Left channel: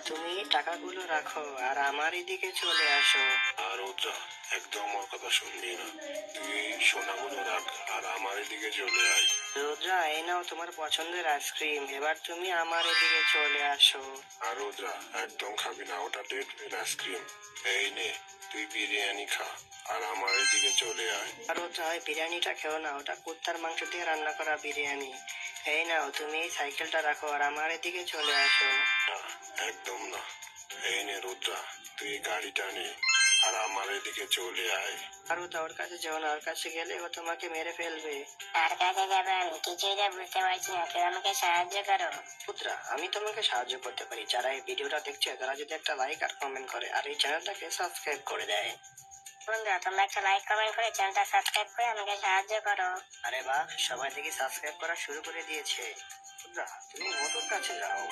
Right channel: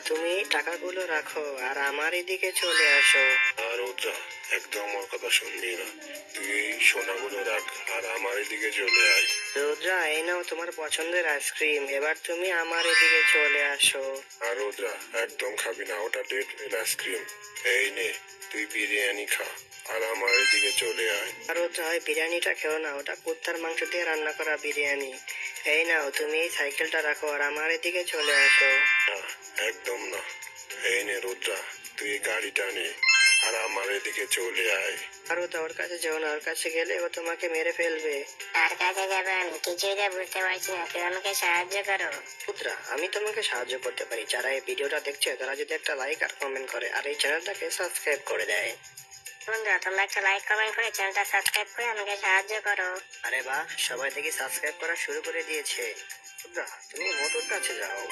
তুমি টাকাগুলো রাখো আর আমার এদিকে চলে আসো। আর রুদ্রা, একদম ওর কথা শুনবি না। তুই এই সোনাগুলো রাখ আর আমার এদিকে চলে আয়। রুদ্রা, এই নাও তোমার পছন্দের আইসক্রিম, এবার তুমি আমার এদিকে চলে আসো। আর রুদ্রা, একদম খাবি না, ওটা ডেট আইসক্রিম। এই নে, তুই বিরিয়ানি খা আর আমার এদিকে চলে আয়। আর রুদ্রা, ওই বিরিয়ানিটা খেও না, ওটা কুত্তার মাংস দিয়ে রান্না করা বিরিয়ানি। এই নাও তুমি এই সাইকেলটা রাখো আর আমার এদিকে চলে আসো। না, একদম না। এই নে রুদ্রা, তুই এই গাড়িটা নে আর আমার এদিকে চলে আয়। আর রুদ্রা, ওর কাছে যেও না, ওর কাছে গেলে ও তোমাকে মেরে ফেলবে। কার কাছে যাবো আমি কিছুই তো বুঝতে পারছি না, কেউ আমাকে সাহায্য করো। রুদ্রা, আমি তোমাকে সাহায্য করতে পারি। যারা এই ভিডিওটা দেখছে তারা যদি একটা লাইক আর কমেন্ট করে আর এই চ্যানেলটাকে সাবস্ক্রাইব করে দেয়। বন্ধুরা, তোমরা একটা লাইক কমেন্ট করে চ্যানেলটা সাবস্ক্রাইব করে আমাকে সাহায্য করো। আরে বাহ, সবাই দেখি সাবস্ক্রাইব করা শুরু করে দিয়েছে। রুদ্রা, তুমি মোটুর কাছে যাও।